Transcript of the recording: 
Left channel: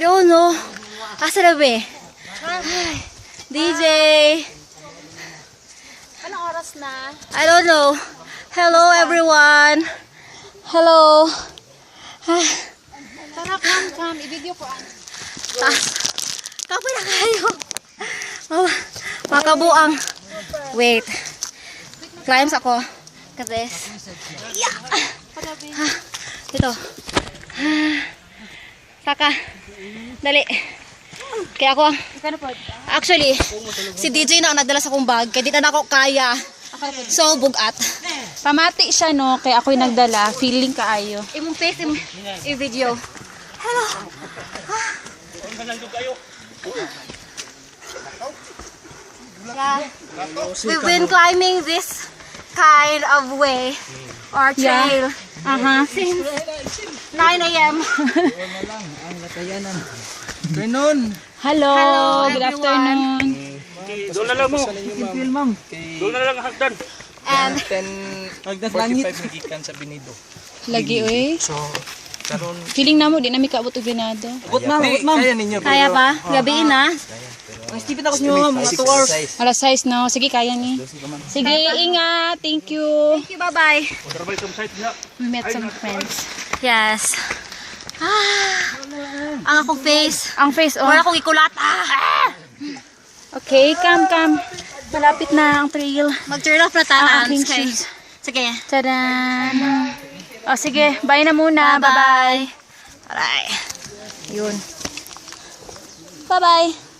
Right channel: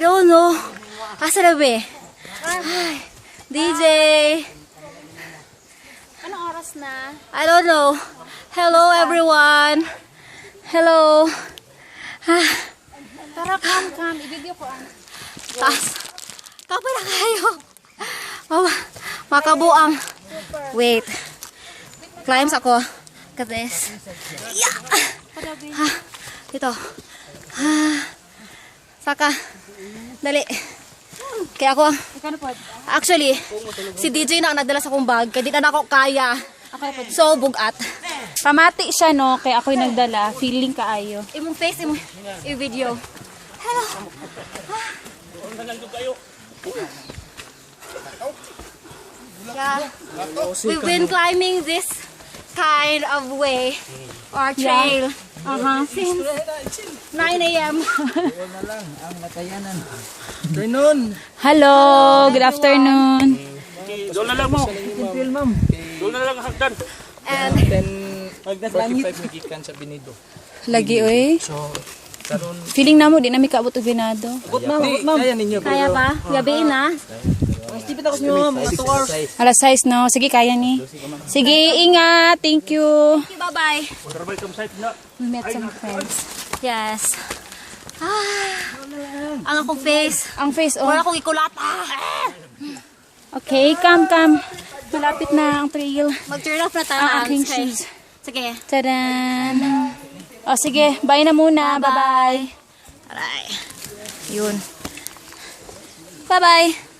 I don't know. Asa na ba? Ay, DJ. Anong oras na? I don't know. Hello everyone. Hello. Tara, come. I-video ko ang. Kapoy na kayo. Makabuang. Wait. Climbs ako. Look at this. Yeah. Ito. Saka. Dali. Kaya ako. Actually, si DJ na ang nagdala sa akong bag. Kaya di na ako kaya. So, bugat. Pamati siya, no? Kaya ako'y nagdala. Feeling kaayo. Imong face, imong video. Hello. Yeah. We've been climbing this kind of way or trail since 9 a.m. Hello, good afternoon. Doon na lang mo. Doon na lang ang hagdan. And 45 nagikan sa Binido. Lagi, oy. So, karon Feeling na mo, di na may kaabot o binado. kaya ninyo. kaya pa, gabi na. Alas 6, no? Sige, kaya ni. Sige, ingat. Thank you. Thank you, bye-bye. Trabay kam site na. We met some friends. Yes. Ang akong face. Ang face, oh. Wala akong ikulat. Okay, come. Malapit na ang trail. Mag-turn off na tayo. Ang aking shoes. Sige. Tadan! O, sige. Bye na muna. Bye-bye. Aray. Yun. Bye-bye.